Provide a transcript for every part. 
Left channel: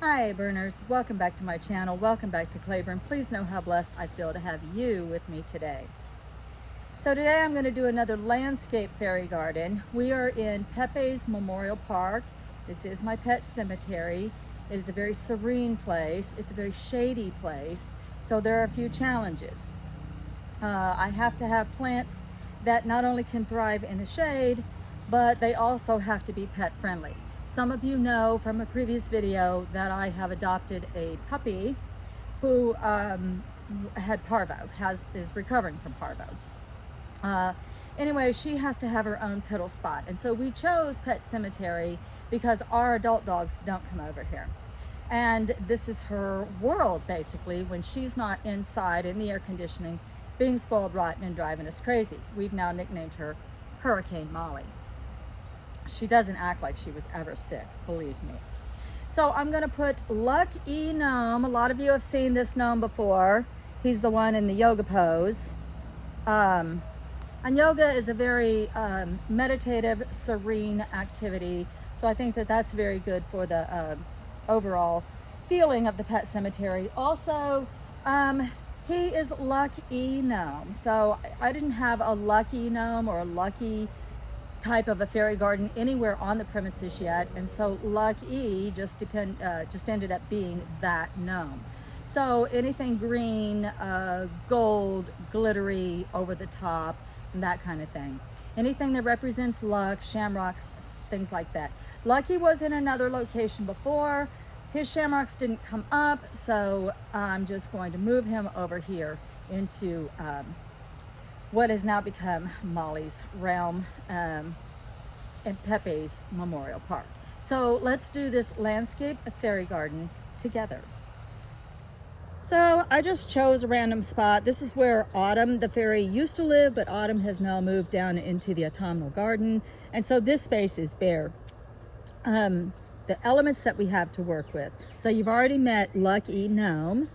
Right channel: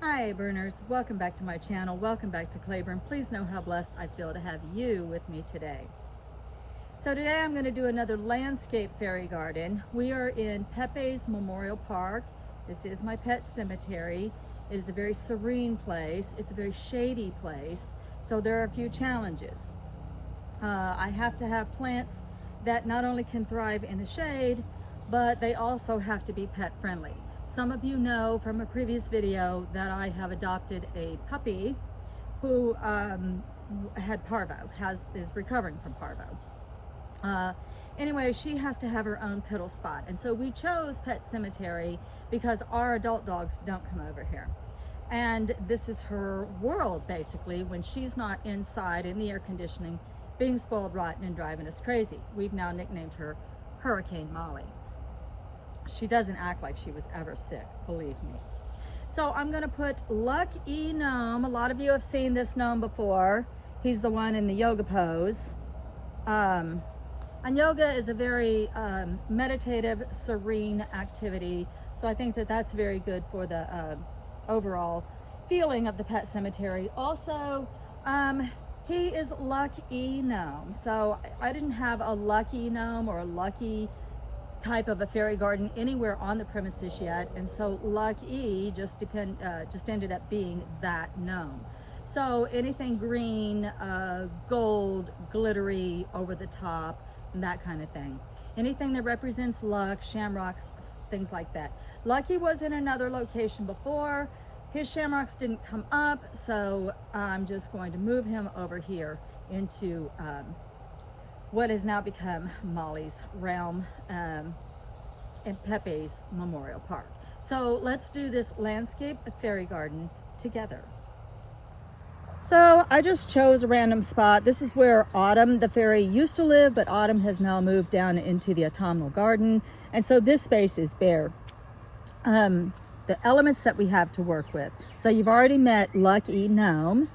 Hi Burners, welcome back to my channel. Welcome back to Claiborne. Please know how blessed I feel to have you with me today. So today I'm going to do another landscape fairy garden. We are in Pepe's Memorial Park. This is my pet cemetery. It is a very serene place. It's a very shady place. So there are a few challenges. I have to have plants that not only can thrive in the shade, but they also have to be pet friendly. Some of you know from a previous video that I have adopted a puppy who had parvo, is recovering from parvo. Anyway, she has to have her own piddle spot. And so we chose Pet Cemetery because our adult dogs don't come over here. And this is her world, basically, when she's not inside in the air conditioning, being spoiled rotten and driving us crazy. We've now nicknamed her Hurricane Molly. She doesn't act like she was ever sick, believe me. So I'm gonna put Lucky Gnome. A lot of you have seen this gnome before. He's the one in the yoga pose. And yoga is a very meditative, serene activity. So I think that that's very good for the overall feeling of the pet cemetery. Also, he is Lucky Gnome. So I didn't have a Lucky Gnome or a Lucky type of a fairy garden anywhere on the premises yet, and so Lucky just ended up being that gnome. So anything green, gold, glittery, over the top, and that kind of thing. Anything that represents luck, shamrocks, things like that. Lucky was in another location before. His shamrocks didn't come up, so I'm just going to move him over here into what has now become Molly's realm in Pepe's Memorial Park. So let's do this landscape fairy garden together. So I just chose a random spot. This is where Autumn the fairy used to live, but Autumn has now moved down into the autumnal garden. And so this space is bare. The elements that we have to work with. So you've already met Lucky Gnome.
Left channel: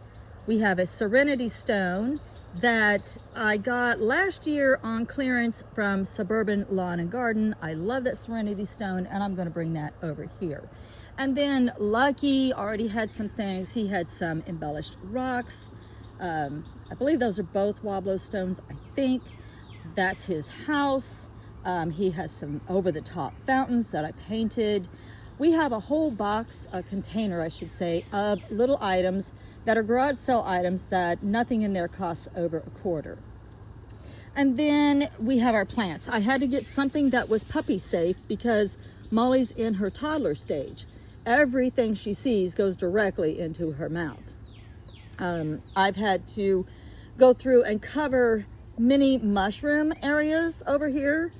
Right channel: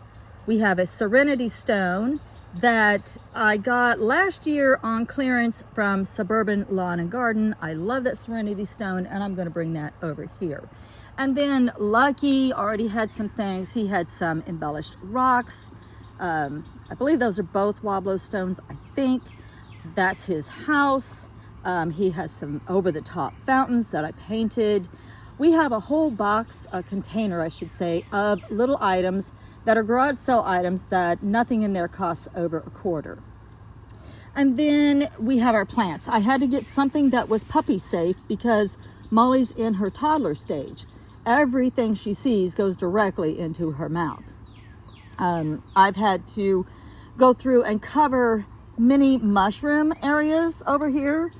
We have a Serenity Stone that I got last year on clearance from Suburban Lawn and Garden. I love that Serenity Stone, and I'm going to bring that over here. And then Lucky already had some things. He had some embellished rocks. I believe those are both Wobblo stones, I think. That's his house. He has some over-the-top fountains that I painted. We have a whole box, a container, I should say, of little items that are garage sale items that nothing in there costs over $1/4. And then we have our plants. I had to get something that was puppy safe because Molly's in her toddler stage. Everything she sees goes directly into her mouth. I've had to go through and cover many mushroom areas over here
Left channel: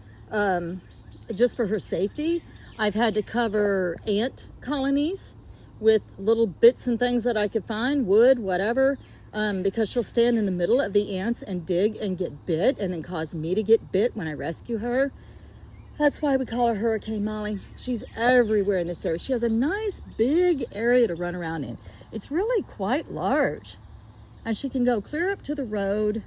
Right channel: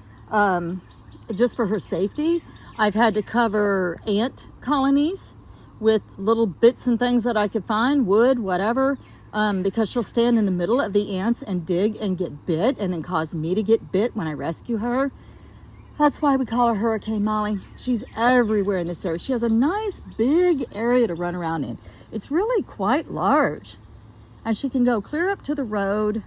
just for her safety. I've had to cover ant colonies with little bits and things that I could find, wood, whatever, because she'll stand in the middle of the ants and dig and get bit and then cause me to get bit when I rescue her. That's why we call her Hurricane Molly. She's everywhere in this area. She has a nice big area to run around in. It's really quite large. And she can go clear up to the road,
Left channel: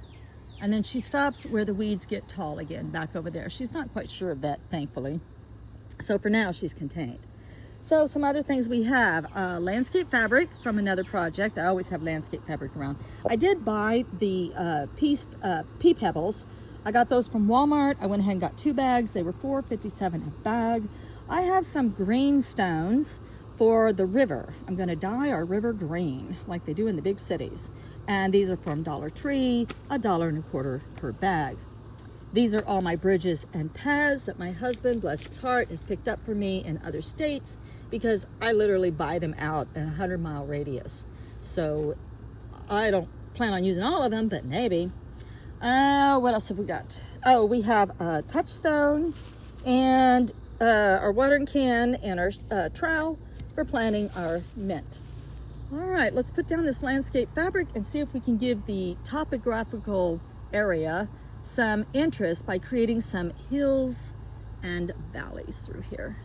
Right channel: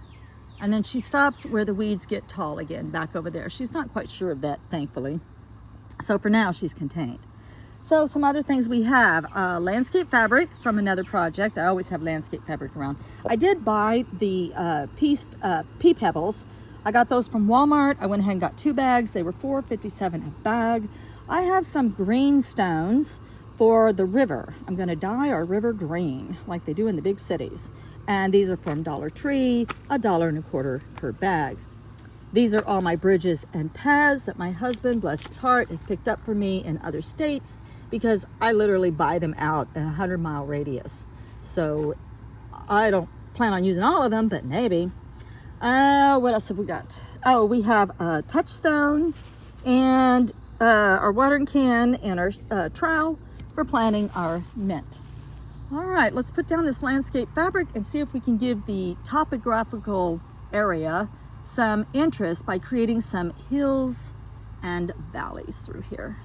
and then she stops where the weeds get tall again, back over there. She's not quite sure of that, thankfully. So for now, she's contained. So some other things we have, landscape fabric from another project. I always have landscape fabric around. I did buy the pea pebbles. I got those from Walmart. I went ahead and got 2 bags. They were $4.57 a bag. I have some green stones for the river. I'm gonna dye our river green like they do in the big cities. And these are from Dollar Tree, $1.25 per bag. These are all my bridges and paths that my husband, bless his heart, has picked up for me in other states because I literally buy them out in a 100-mile radius. So I don't plan on using all of them, but maybe. What else have we got? Oh, we have a touchstone and our watering can and our trowel for planting our mint. All right, let's put down this landscape fabric and see if we can give the topographical area some interest by creating some hills and valleys through here.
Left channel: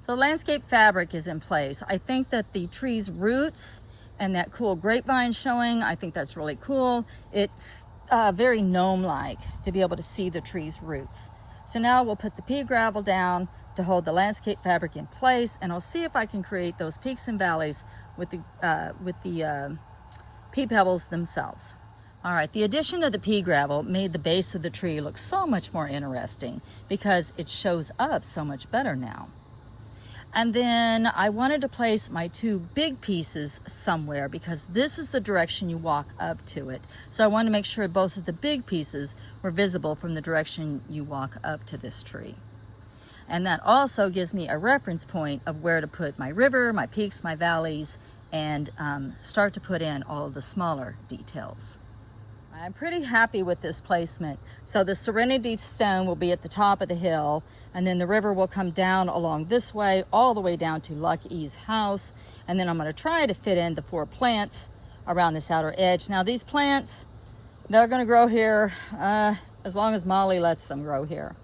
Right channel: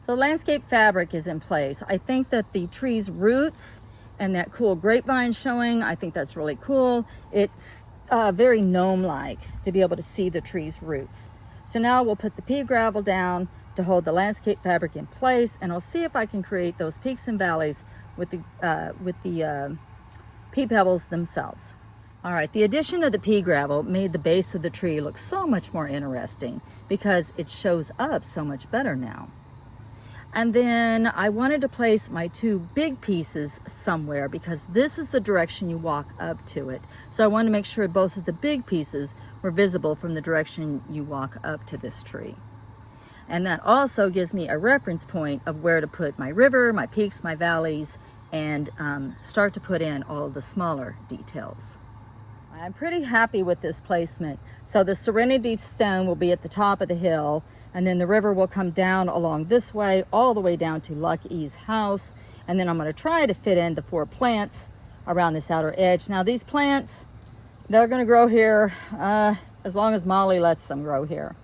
So landscape fabric is in place. I think that the tree's roots and that cool grapevine showing, I think that's really cool. It's very gnome-like to be able to see the tree's roots. So now we'll put the pea gravel down, to hold the landscape fabric in place, and I'll see if I can create those peaks and valleys with the pea pebbles themselves. All right, the addition of the pea gravel made the base of the tree look so much more interesting because it shows up so much better now. And then I wanted to place my two big pieces somewhere because this is the direction you walk up to it. So I wanted to make sure both of the big pieces were visible from the direction you walk up to this tree. And that also gives me a reference point of where to put my river, my peaks, my valleys, and start to put in all of the smaller details. I'm pretty happy with this placement. So the Serenity Stone will be at the top of the hill, and then the river will come down along this way, all the way down to Lucky's house. And then I'm gonna try to fit in the 4 plants around this outer edge. Now these plants, they're gonna grow here as long as Molly lets them grow here.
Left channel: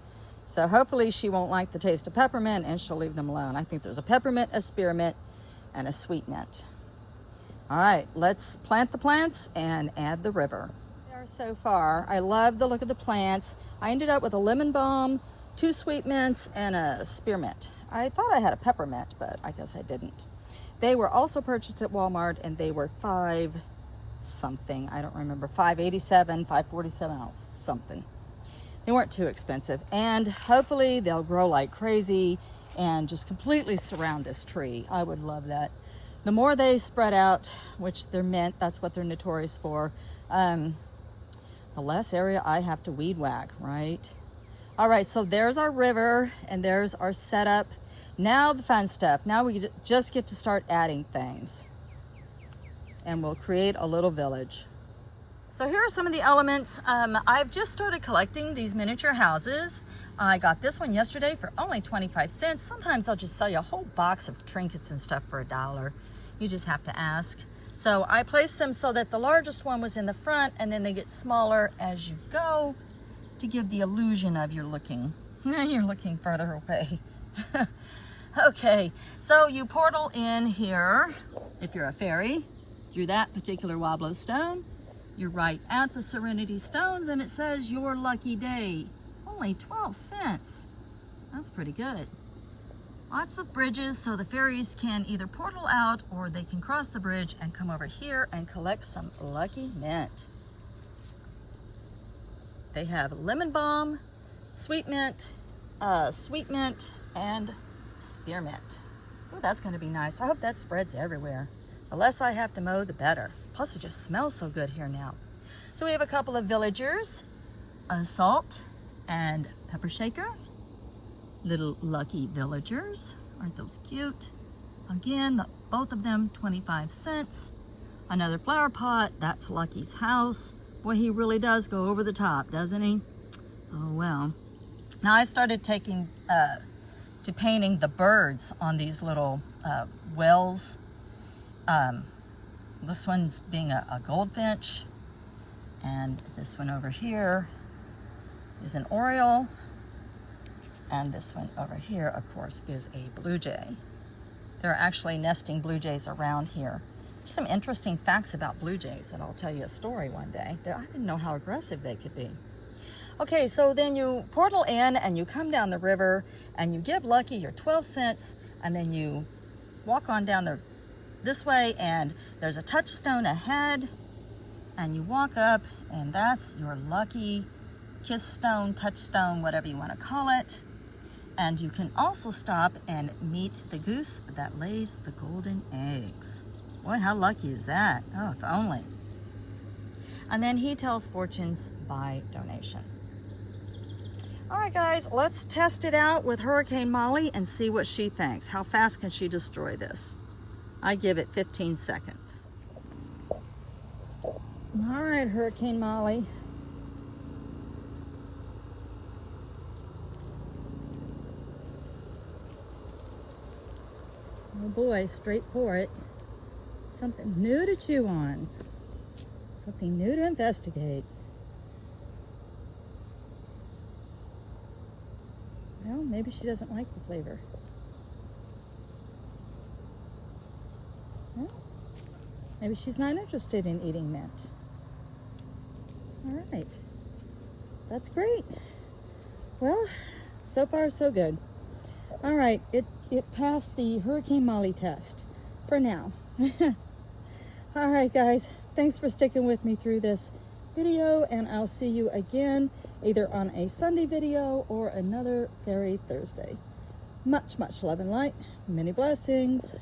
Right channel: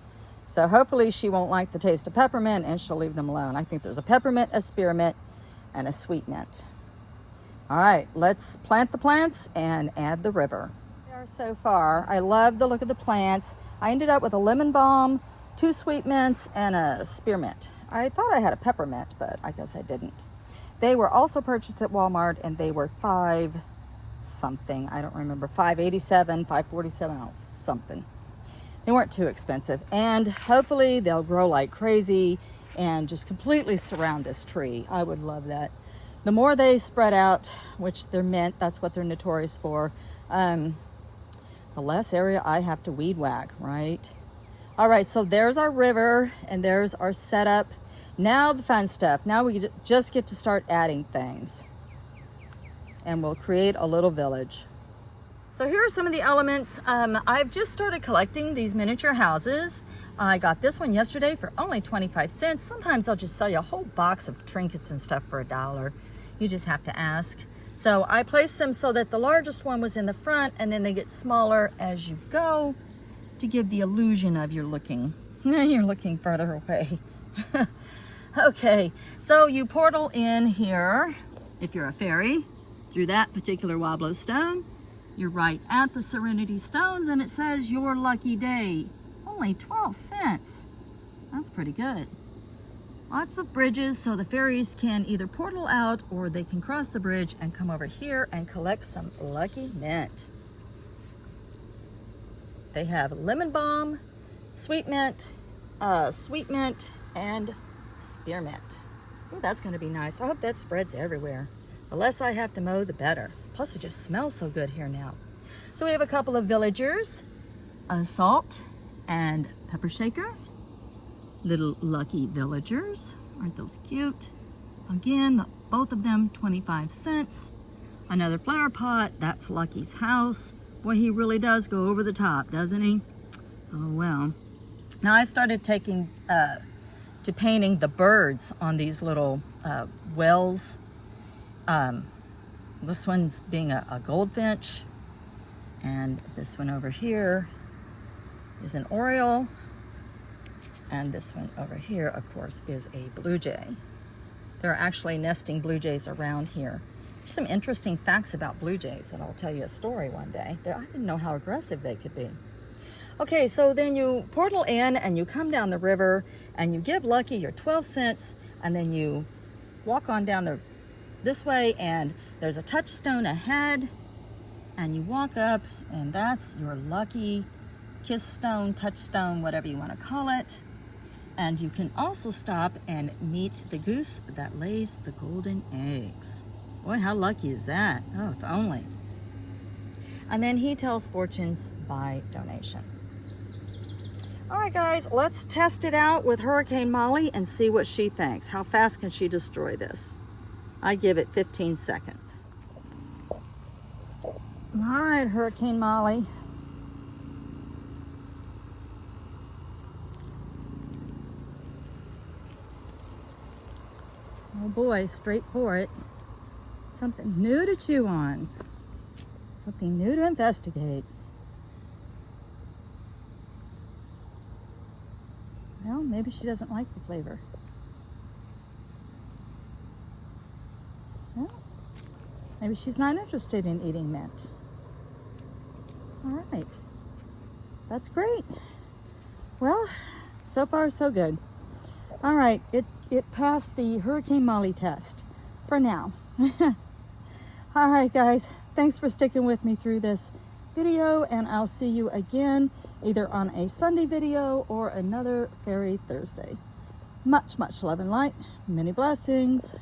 So hopefully she won't like the taste of peppermint and she'll leave them alone. I think there's a peppermint, a spearmint, and a sweet mint. All right, let's plant the plants and add the river. So far, I love the look of the plants. I ended up with a lemon balm, 2 sweet mints, and a spearmint. I thought I had a peppermint, but I guess I didn't. They were also purchased at Walmart, and they were $5 something. I don't remember, $5.87, $5.47, something. They weren't too expensive, and hopefully they'll grow like crazy and just completely surround this tree. I would love that. The more they spread out, which they're mint, that's what they're notorious for, the less area I have to weed whack, right? All right, so there's our river and there's our setup. Now the fun stuff. Now we just get to start adding things, and we'll create a little village. So here are some of the elements. I've just started collecting these miniature houses. I got this one yesterday for only 25 cents. Sometimes they'll just sell you a whole box of trinkets and stuff for $1. You just have to ask. So I placed them so that the largest one was in the front, and then they get smaller as you go to give the illusion of you're looking further away. Okay, so you portal in here, if you're a fairy, through that particular Wobblo stone. You're right at the Serenity Stones, and it says your lucky day. Only 12 cents. That's pretty good. Lots of bridges so the fairies can either portal out or they can cross the bridge and come over here and collect some lucky mint. They have lemon balm, sweet mint, and spearmint. Oh, that's gonna be nice. I hope that spreads everywhere. The less I have to mow, the better. Plus it just smells so good here now. So we have a couple of villagers, a salt and pepper shaker. Little lucky villagers. Aren't those cute? Again, both of them 25 cents. Another flower pot, that's Lucky's house. Boy, he really does go over the top, doesn't he? Oh well. Now I started taking to painting the birds on these little wells. This one's being a goldfinch, and this one over here is an oriole. And this one over here, of course, is a blue jay. There are actually nesting blue jays around here. There's some interesting facts about blue jays, and I'll tell you a story one day. I didn't know how aggressive they could be. Okay, so then you portal in and you come down the river and you give Lucky your 12 cents, and then you walk on down this way, and there's a touchstone ahead, and you walk up, and that's your lucky kiss stone, touchstone, whatever you want to call it. And you can also stop and meet the goose that lays the golden eggs. Boy, how lucky is that? Oh, if only. And then he tells fortunes by donation. All right, guys, let's test it out with Hurricane Molly and see what she thinks. How fast can she destroy this? I give it 15 seconds. All right, Hurricane Molly. Oh boy, straight for it. Something new to chew on. Something new to investigate. Well, maybe she doesn't like the flavor. Well, maybe she's not interested in eating mint. All right, that's great. Well, so far so good. All right, it passed the Hurricane Molly test for now. All right, guys, thanks for sticking with me through this video, and I'll see you again either on a Sunday video or another Fairy Thursday. Much, much love and light. Many blessings.